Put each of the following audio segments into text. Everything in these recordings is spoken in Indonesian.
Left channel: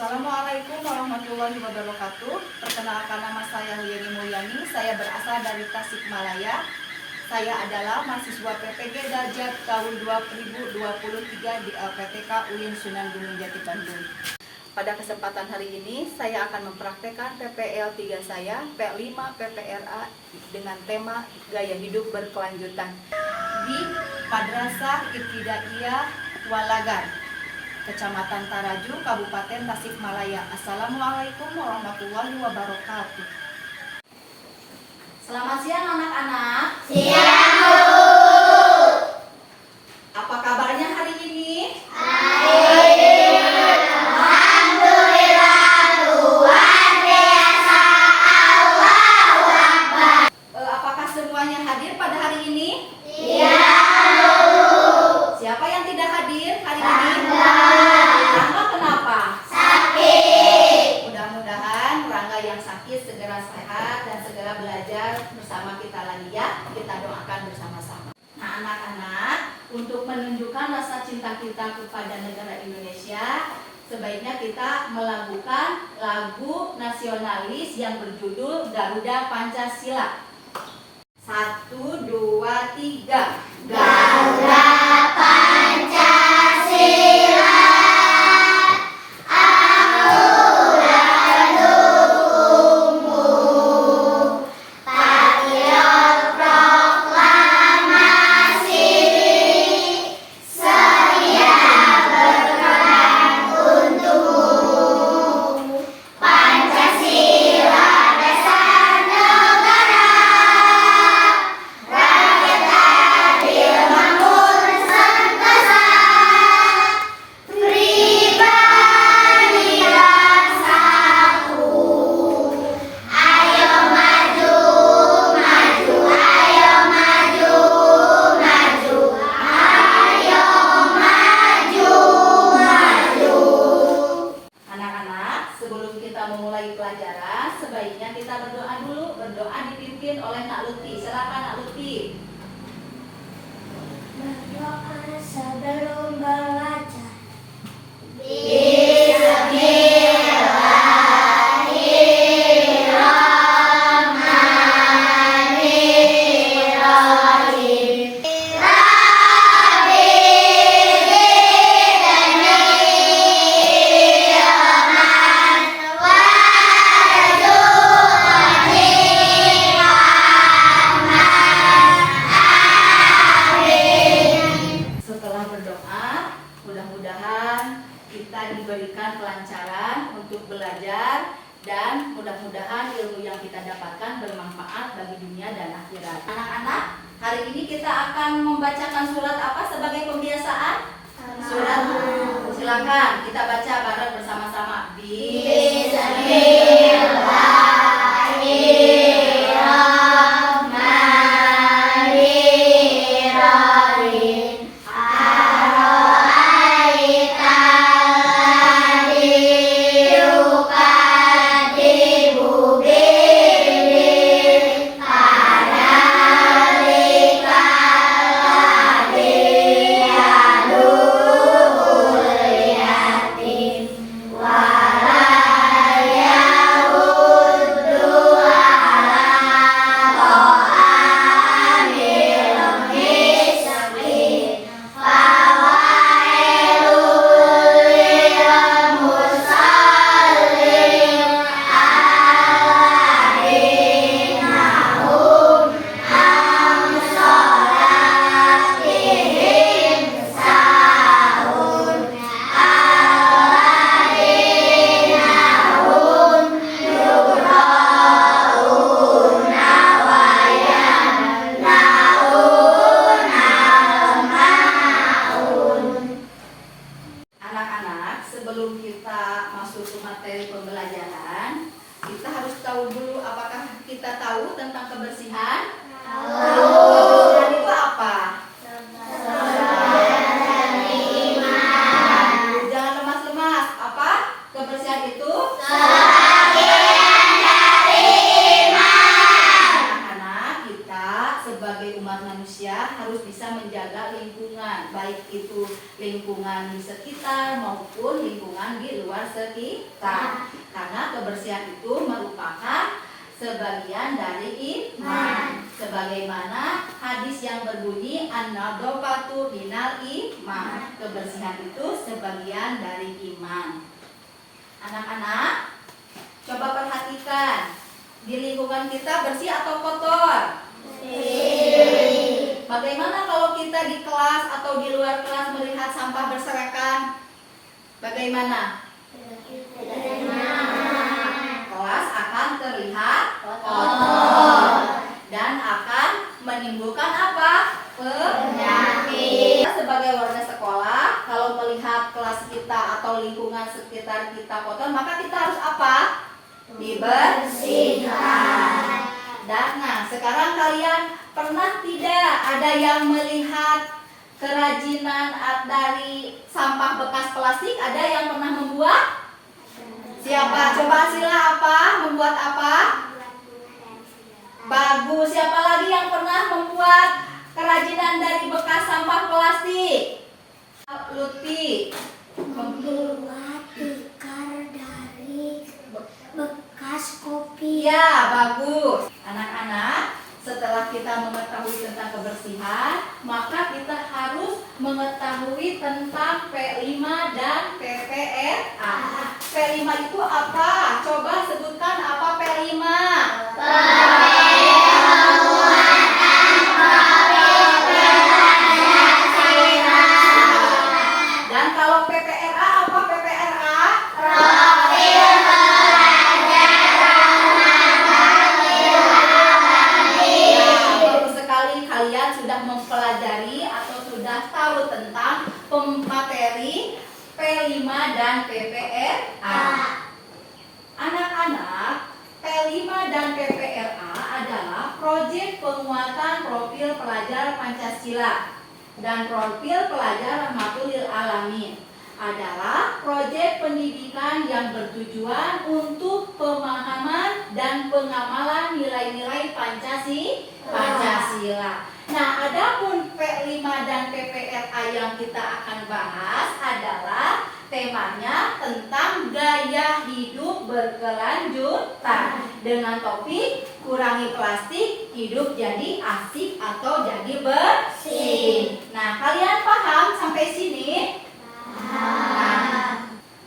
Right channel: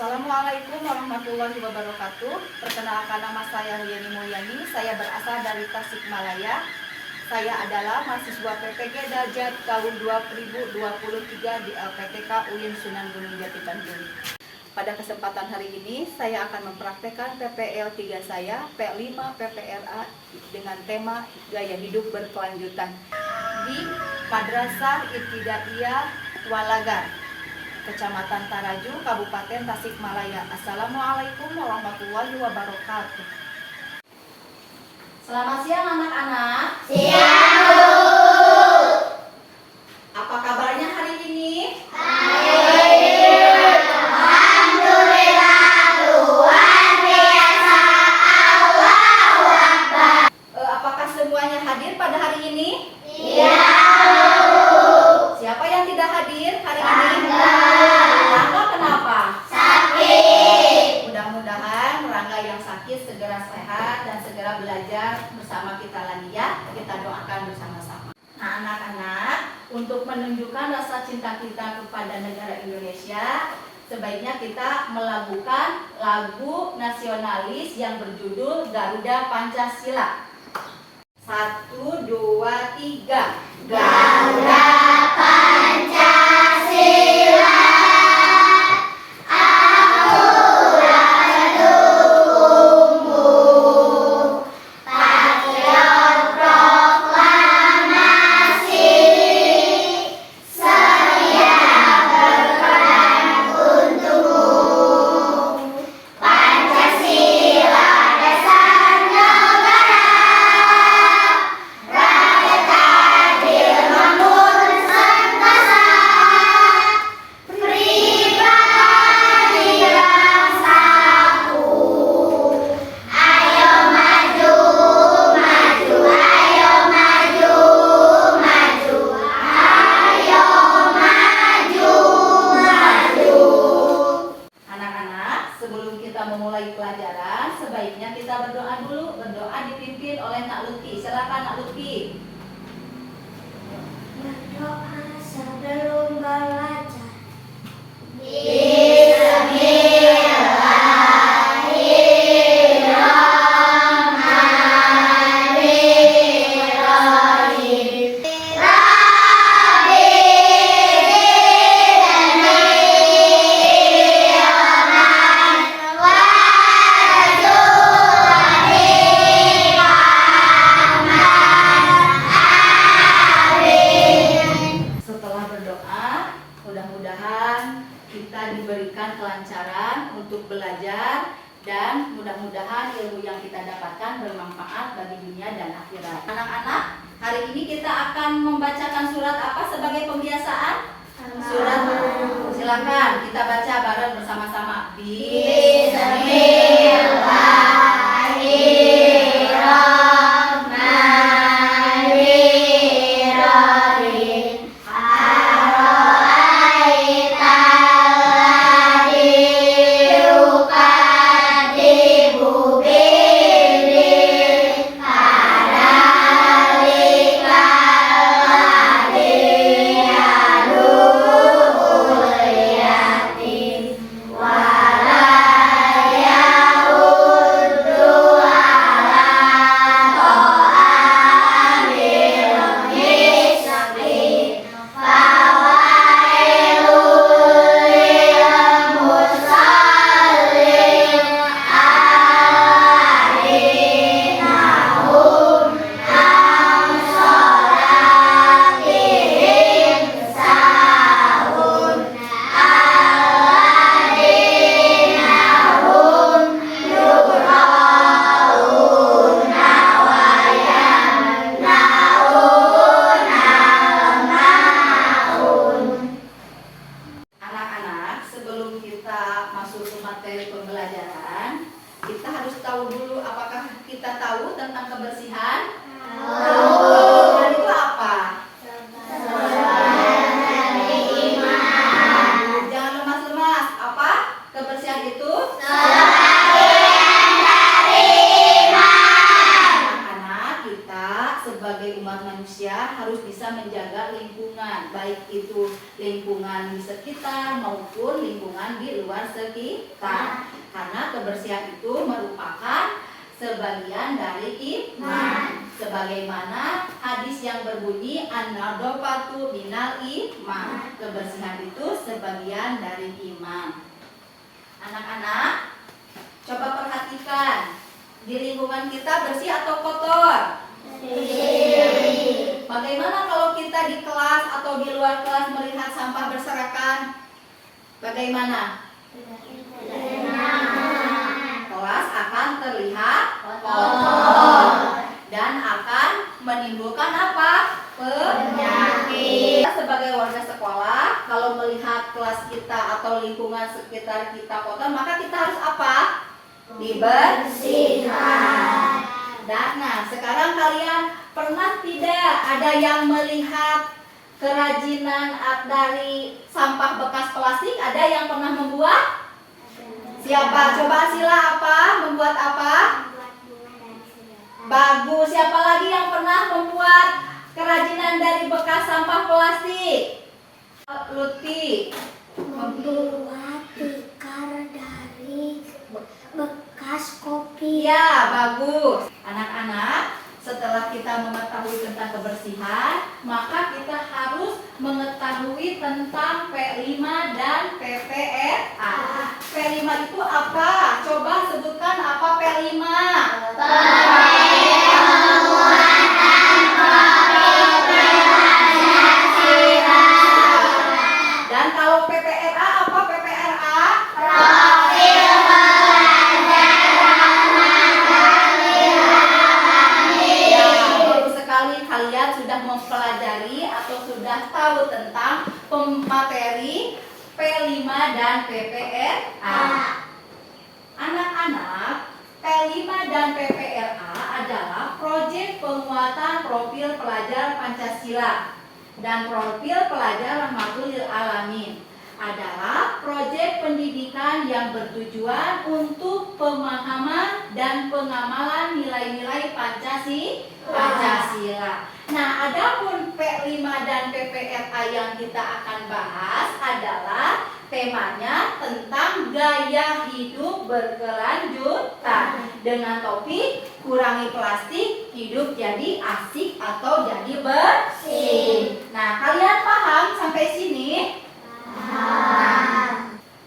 Assalamualaikum warahmatullahi wabarakatuh. Perkenalkan, nama saya Yeni Mulyani. Saya berasal dari Tasikmalaya. Saya adalah mahasiswa PPG Dajat tahun 2023 di LPTK UIN Sunan Gunung Jati Bandung. Pada kesempatan hari ini saya akan mempraktekkan PPL 3 saya, P5 PPRA dengan tema gaya hidup berkelanjutan di Madrasah Ibtidaiyah Walagar, Kecamatan Taraju, Kabupaten Tasikmalaya. Assalamualaikum warahmatullahi wabarakatuh. Selamat siang anak-anak. Siang, Bu. Apa kabarnya hari ini? Baik. Alhamdulillah, luar biasa. Allahu Akbar. Apakah semuanya hadir pada hari ini? Iya, Bu. Siapa yang tidak hadir hari ini? Rangga kenapa? Sakit. Mudah-mudahan Rangga yang sakit segera sehat dan segera belajar bersama kita lagi ya. Kita doakan bersama-sama. Nah anak-anak, untuk menunjukkan rasa cinta kita kepada negara Indonesia, sebaiknya kita melakukan lagu nasionalis yang berjudul Garuda Pancasila. 1, 2, 3. Garuda Pancasila, aku mendukungmu. Patriot proklamasi, setia berperang untukmu. Pancasila dasar negara, rakyat adil makmur sentosa, pribadi bangsaku. Ayo maju, maju, ayo maju, maju, ayo maju, maju. Anak-anak, sebelum kita memulai pelajaran, sebaiknya kita berdoa dulu. Berdoa dipimpin oleh Nak Lutfi. Silakan Nak Lutfi. Berdoa sebelum belajar. Bismillahirrahmanirrahim. Rabbi zidni ilman warzuqni fahman. Amin. Setelah berdoa, mudah-mudahan kita diberikan kelancaran untuk belajar dan mudah-mudahan ilmu yang kita dapatkan bermanfaat bagi dunia dan akhirat. Anak-anak, hari ini kita akan membacakan surat apa sebagai pembiasaan? Surat. Silakan kita baca bareng bersama-sama. Bismillahirrahmanirrahim. Ara'aital ladzi yukadzibu bid-din, fadzalikal ladzi yad'ul yatim wa la menjaga lingkungan, baik itu lingkungan di sekitar maupun lingkungan di luar sekitar. Karena kebersihan itu merupakan sebagian dari iman. Sebagaimana hadis yang berbunyi an-nadhafatu minal iman. Kebersihan itu sebagian dari iman. Anak-anak, coba perhatikan, di lingkungan kita bersih atau kotor? Bagaimana kalau kita di kelas atau di luar kelas melihat sampah berserakan? Bagaimana? Kelas akan terlihat kotor dan akan menimbulkan apa? Penyakit. Kita sebagai warga sekolah, kalau melihat kelas kita atau lingkungan sekitar kita kotor, maka kita harus apa? Dibersihkan. Dan nah, sekarang kalian pernah tidak ada yang melihat kerajinan dari sampah bekas plastik? Ada yang pernah membuat? Siapa? Coba sila apa? Membuat apa? Bagus. Siapa lagi yang pernah membuat kerajinan dari bekas sampah plastik? Luti. Membuat tikar dari bekas kopi. Ya, bagus. Anak-anak, setelah kita mengetahui tentang kebersihan, maka kita harus mengetahui tentang P5 dan PPRA. P5 itu apa? Coba sebutkan apa P5? Dan kalau PPRA apa PPRA? Kalian sudah mempelajari atau sudah tahu tentang materi P5 dan PPRA. Anak-anak, P5 dan PPRA adalah proyek penguatan profil pelajar Pancasila dan profil pelajar Rahmatul lil Alamin. Adalah proyek pendidikan yang bertujuan untuk pemahaman dan pengamalan nilai-nilai Pancasila. Nah, adapun P5 dan PPRA yang kita akan bahas adalah temanya tentang gaya hidup berkelanjutan dengan topik kurangi plastik, hidup jadi asik atau jadi bersih. Nah, kalian paham sampai sini?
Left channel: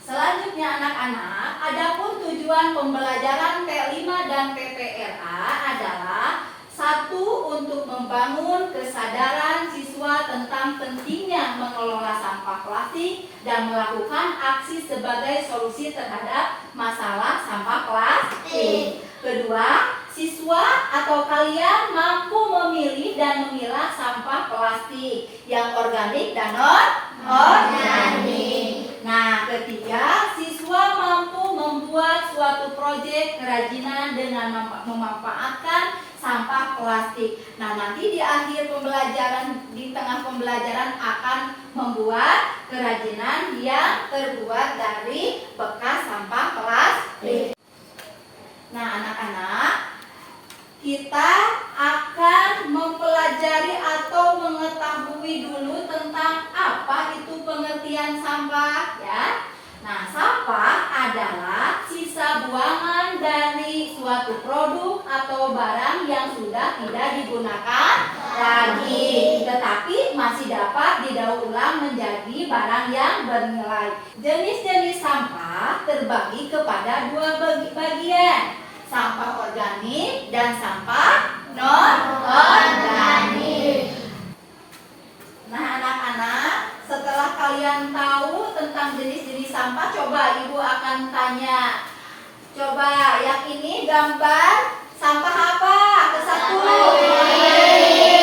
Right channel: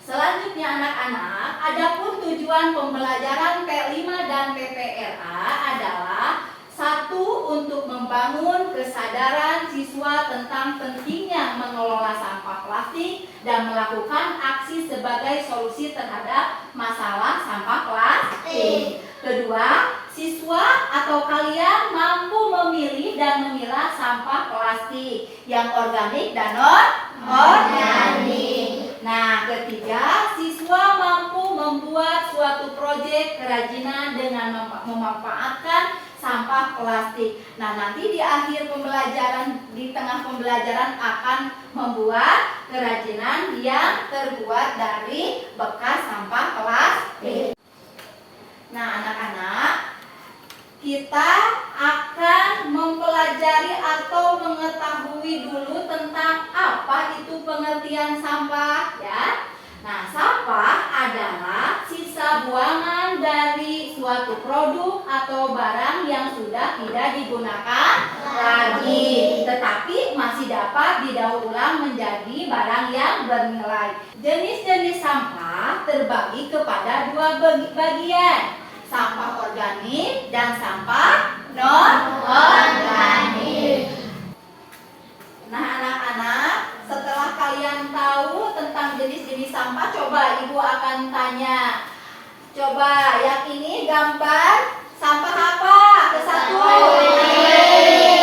Selanjutnya anak-anak, adapun tujuan pembelajaran P5 dan PPRA adalah satu, untuk membangun kesadaran siswa tentang pentingnya mengelola sampah plastik dan melakukan aksi sebagai solusi terhadap masalah sampah plastik. Kedua, siswa atau kalian mampu memilih dan memilah sampah plastik yang organik dan non-organik. Nah, ketiga, siswa mampu membuat suatu proyek kerajinan dengan memanfaatkan sampah plastik. Nah, nanti di akhir pembelajaran, di tengah pembelajaran akan membuat kerajinan yang terbuat dari bekas sampah plastik. Nah, anak-anak, kita akan mempelajari atau mengetahui dulu tentang apa itu pengertian sampah, ya. Nah, sampah adalah sisa buangan dari suatu produk atau barang yang sudah tidak digunakan lagi, tetapi masih dapat didaur ulang menjadi barang yang bernilai. Jenis-jenis sampah terbagi kepada dua bagian, sampah organik dan sampah non-organik. Nah, anak-anak, setelah kalian tahu tentang jenis-jenis sampah, coba ibu akan tanya. Coba yang ini gambar sampah apa? Ke-1.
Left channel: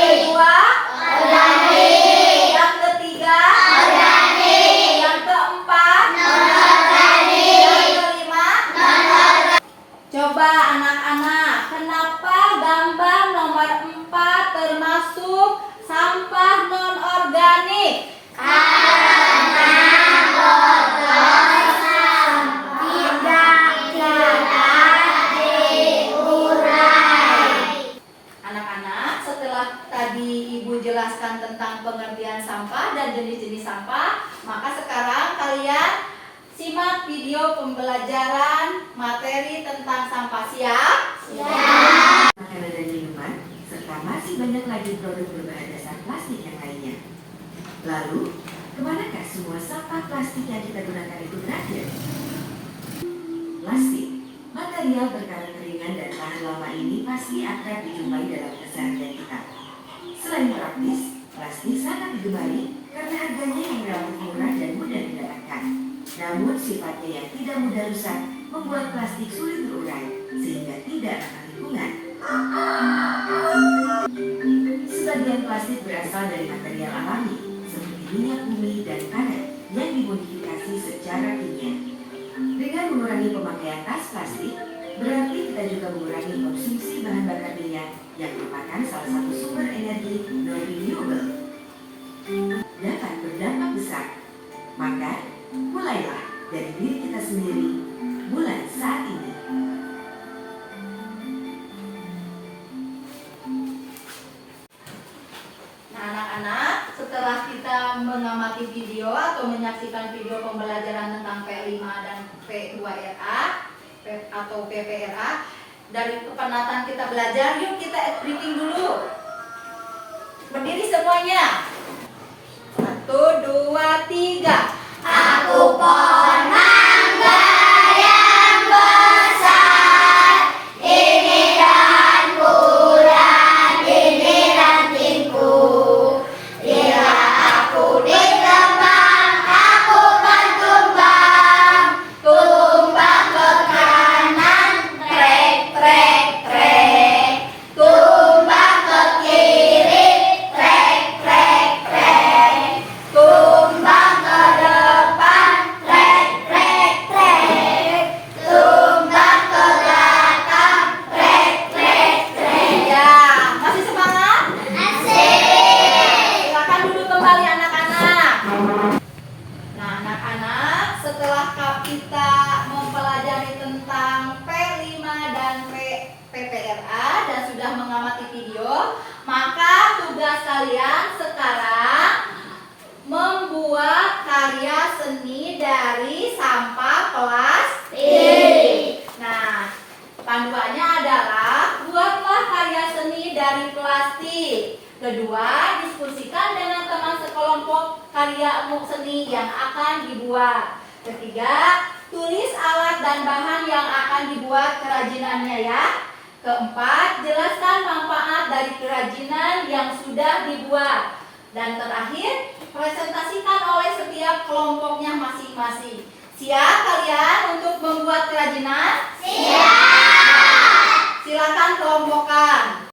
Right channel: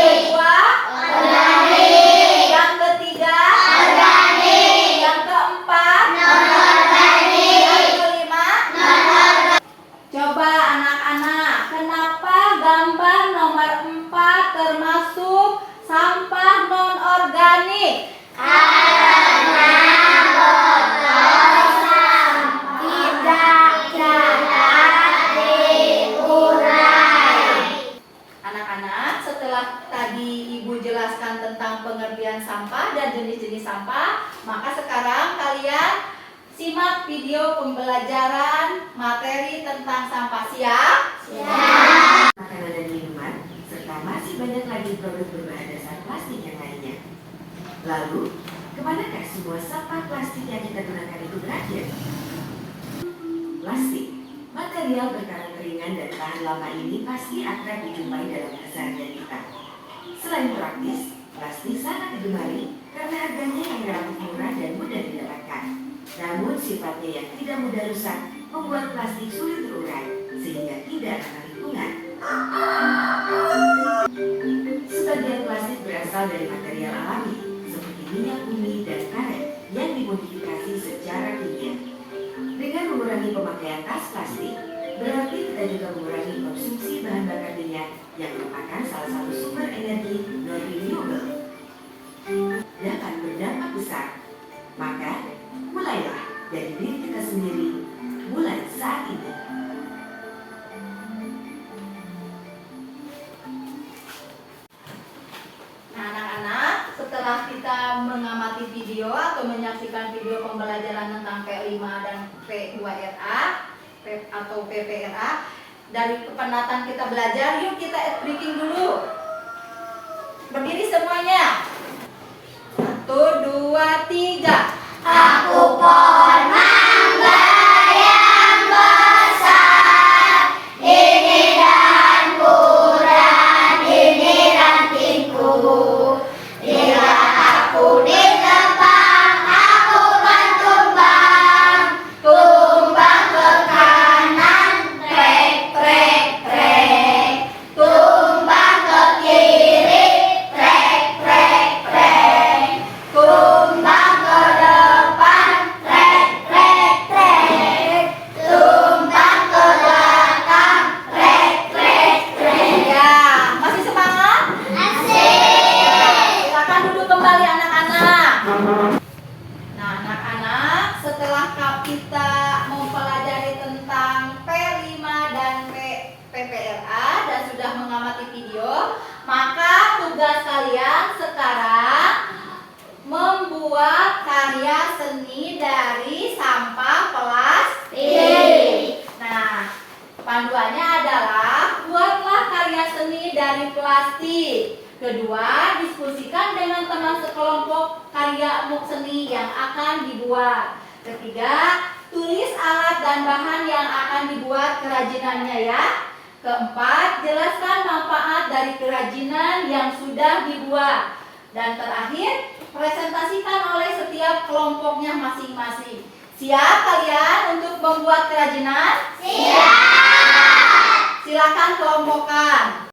Kedua, organik. Yang ketiga, organik. Yang keempat, non-organik. Yang kelima, non-organik. Coba anak-anak, kenapa gambar nomor 4 termasuk pengertian sampah dan jenis-jenis sampah. Maka sekarang kalian simak video pembelajaran materi tentang sampah. Siap? Siap. Makanan dan minuman, serta masih banyak lagi produk berbahan dasar plastik yang lainnya. Lalu, kemanakah semua sampah plastik yang kita gunakan itu berakhir? Plastik, material berkarat ringan dan tahan lama ini pasti akan dijumpai dalam keseharian kita. Selain praktis, plastik sangat digemari karena harganya yang relatif murah dan mudah didapatkan. Namun sifatnya yang tidak mudah rusak membuat plastik sulit terurai sehingga tidak ramah lingkungan. Sebagian plastik berasal dari material alami seperti minyak bumi dan karet yang dimodifikasi secara kimia. Dengan mengurangi pemakaian tas plastik, berarti kita juga mengurangi konsumsi bahan bakar minyak yang merupakan salah satu sumber energi non-renewable. Dapat berdampak besar. Maka, mulailah dari diri kita sendiri mulai saat ini. Nah, anak-anak, setelah kita mengamati video atau menyaksikan video pembelajaran tentang P5 dan P2RA atau PPRA, dari kepenatan kita belajar, yuk kita bikin dulu. Berdiri semuanya. 1, 2, 3. Aku pohon mangga yang besar, ini dahanku dan ini rantingku. Bila aku ditebang, aku kan tumbang. Tumbang ke kanan, trek, trek, trek. Tumbang ke kiri, trek, trek, trek. Tumbang ke depan, trek, trek, trek. Tumbang ke belakang, trek, trek, trek. Ya, masih semangat? Asik. Silakan duduk kembali anak-anak. Nah, anak-anak, setelah kita mempelajari tentang P5 dan PPRA dan sudah mengamati video, maka tugas kalian sekarang membuat karya seni dari sampah plastik. Nah, panduannya adalah buatlah karya seni dari plastik. Kedua, diskusikan dengan teman sekelompok karya seni yang akan dibuat. Ketiga, tulis alat dan bahan yang akan dibuat kerajinannya ya. Keempat, jelaskan manfaat dari kerajinan yang sudah dibuat. Dan terakhir, presentasikan oleh setiap kelompoknya masing-masing. Siap kalian untuk membuat kerajinan? Siap. Silakan kelompokkan.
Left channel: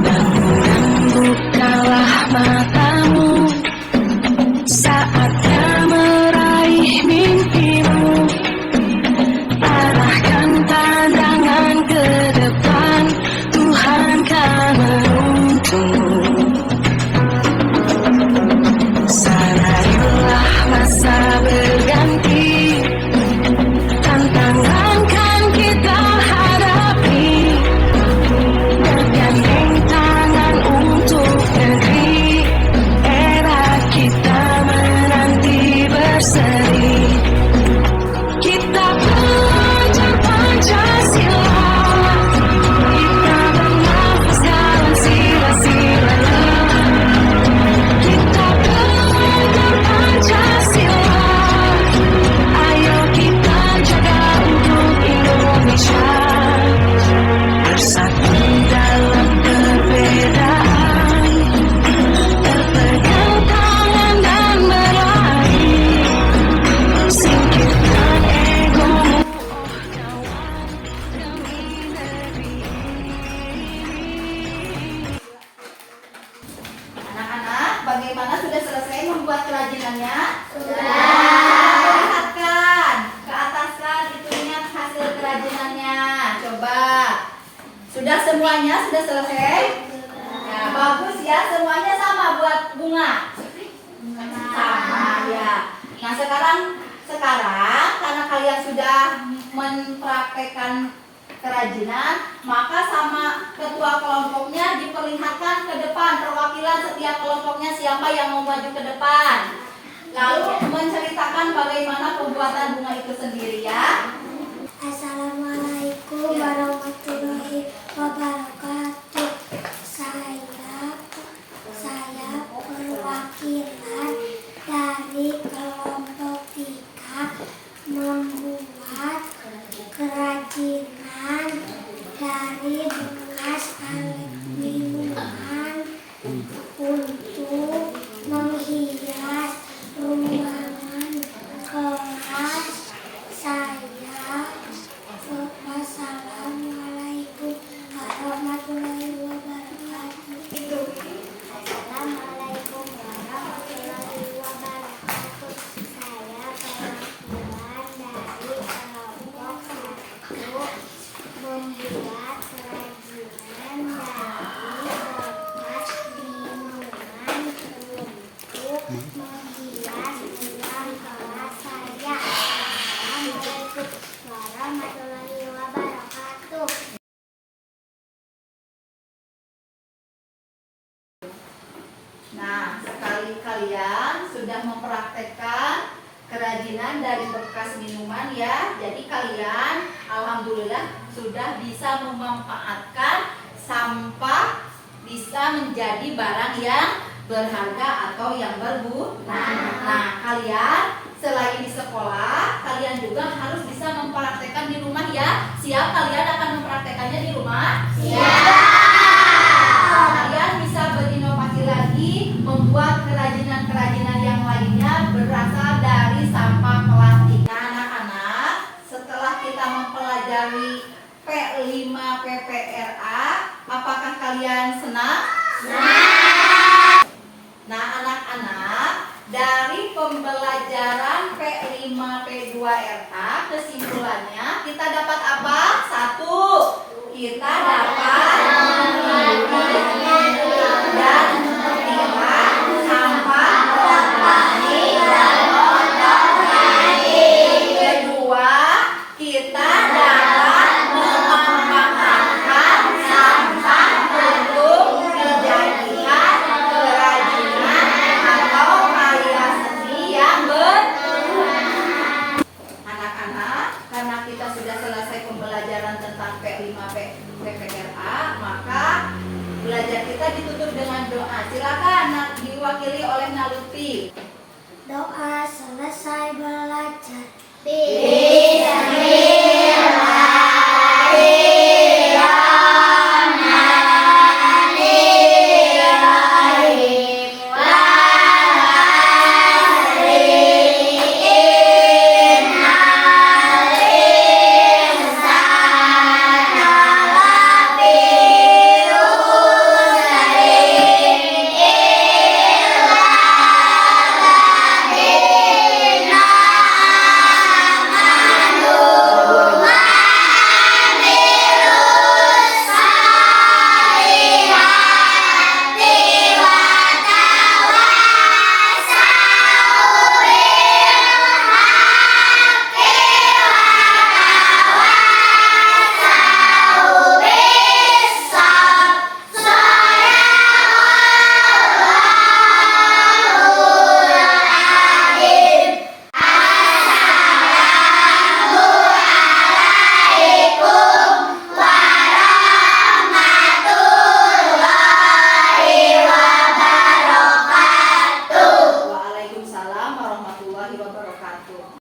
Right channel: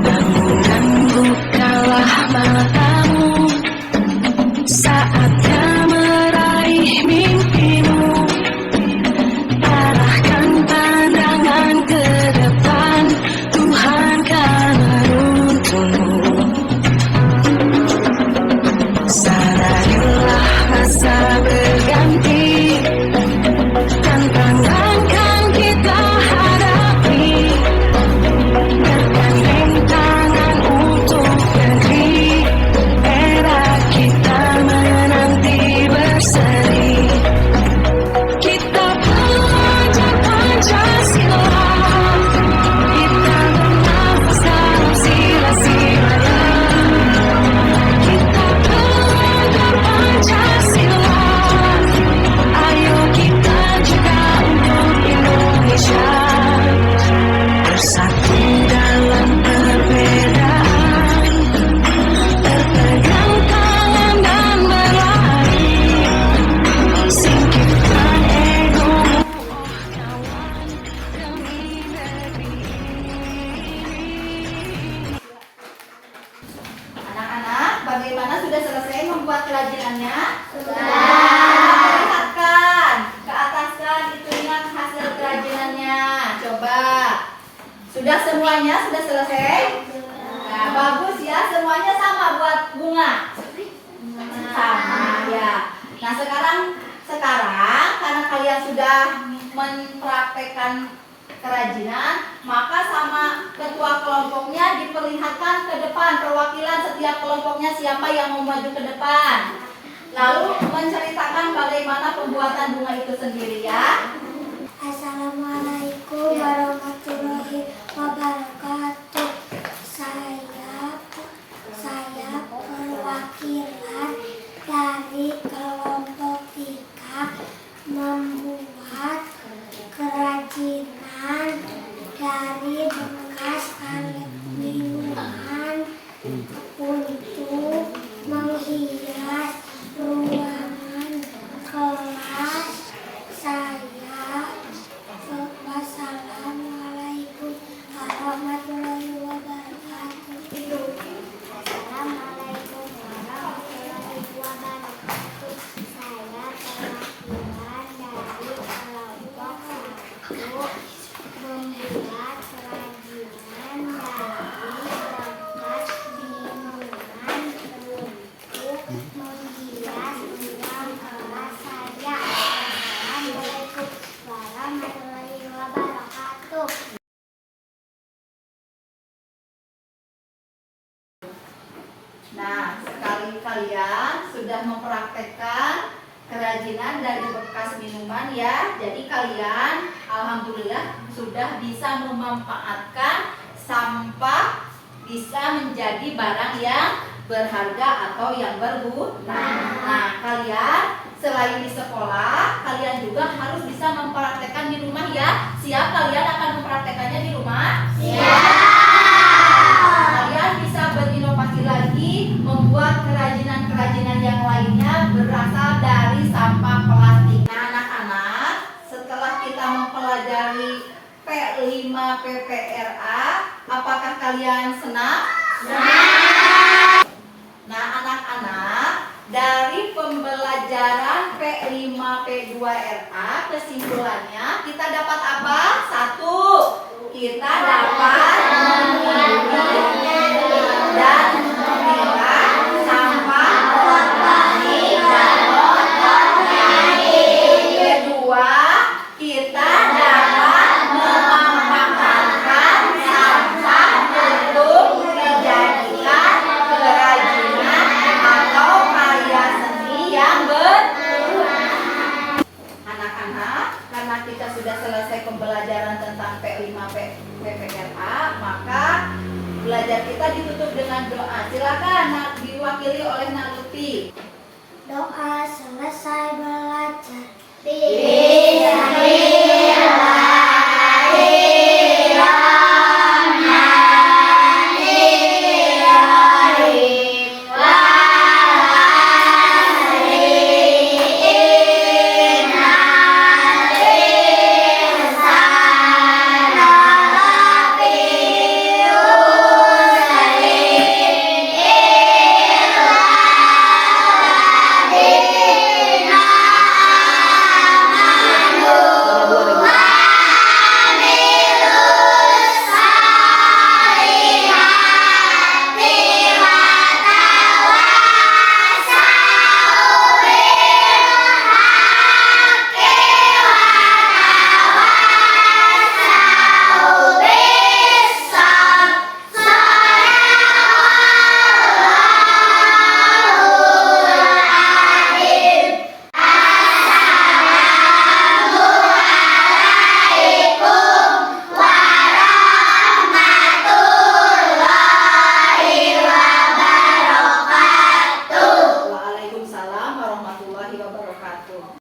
Bangun bukalah matamu, saatnya meraih mimpimu. Arahkan pandangan ke depan, Tuhan kan menuntunmu. Sadarilah masa berganti, tantangan kan kita hadapi. Bergandeng tangan untuk negeri, era kita menanti berseri. Kita belajar Pancasila, kita bernafas dalam sila-silanya. Kita belajar Pancasila, ayo kita jaga untuk Indonesia. Bersatu dalam perbedaan, berpegang tangan dan berlari. Singkirkan egomu, oh kawan, demi negeri ini. Anak-anak, bagaimana sudah selesai membuat kerajinannya? Sudah. Lihatkan ke atas kan itunya hasil kerajinannya. Coba. Sudah semua Semuanya sudah selesai? Nah, bagus ya, semuanya sama buat bunga. Sama ya. Nah, sekarang karena kalian sudah mempraktekkan kerajinan, maka sama ketua kelompoknya diperlihatkan ke depan, perwakilan setiap kelompoknya siapa yang mau maju ke depan. Lalu menceritakan bagaimana pembuatan bunga itu sendiri ya. Assalamualaikum warahmatullahi wabarakatuh. Saya perwakilan dari kelompok 3 membuat kerajinan dari bekas alat minuman untuk menghias ruangan kelas saya. Wassalamualaikum warahmatullahi wabarakatuh. Assalamualaikum warahmatullahi wabarakatuh. Saya perwakilan dari kelompok 1 membuat kerajinan dari bekas minuman untuk menghias ruang kelas saya. Assalamualaikum warahmatullahi wabarakatuh. Nah, sekali kalian sudah mempraktekkan kerajinan dari bekas minuman ya. Jadi kalian alhamdulillah sudah bisa memanfaatkan sampah bisa menjadi barang yang berharga atau yang berguna. Nah, kalian selain di sekolah, kalian juga harus bisa mempraktekkan di rumah ya. Siap kalian akan mempraktekannya di rumah? Siap. Kalian bisa berinovasi lagi, membuat kerajinan-kerajinan yang lainnya berasal dari sampah plastik. Nah, anak-anak, setelah kita mempelajari P5 PPRA, apakah kalian senang? Senang. Nah, anak-anak, dari pembelajaran P5 P2RA, kesimpulannya kita dapat apa? 1. Kita dapat dan memilah sampah organik dan non-organik. Kedua, kita dapat memanfaatkan sampah untuk dijadikan kerajinan atau karya seni yang berguna. Anak-anak, karena kita sudah selesai pembelajaran tentang P5 PPRA, maka belajar kita ditutup dengan doa. Silakan diwakili oleh Naluti. Doa selesai belajar. Waalaikumsalam warahmatullahi wabarakatuh.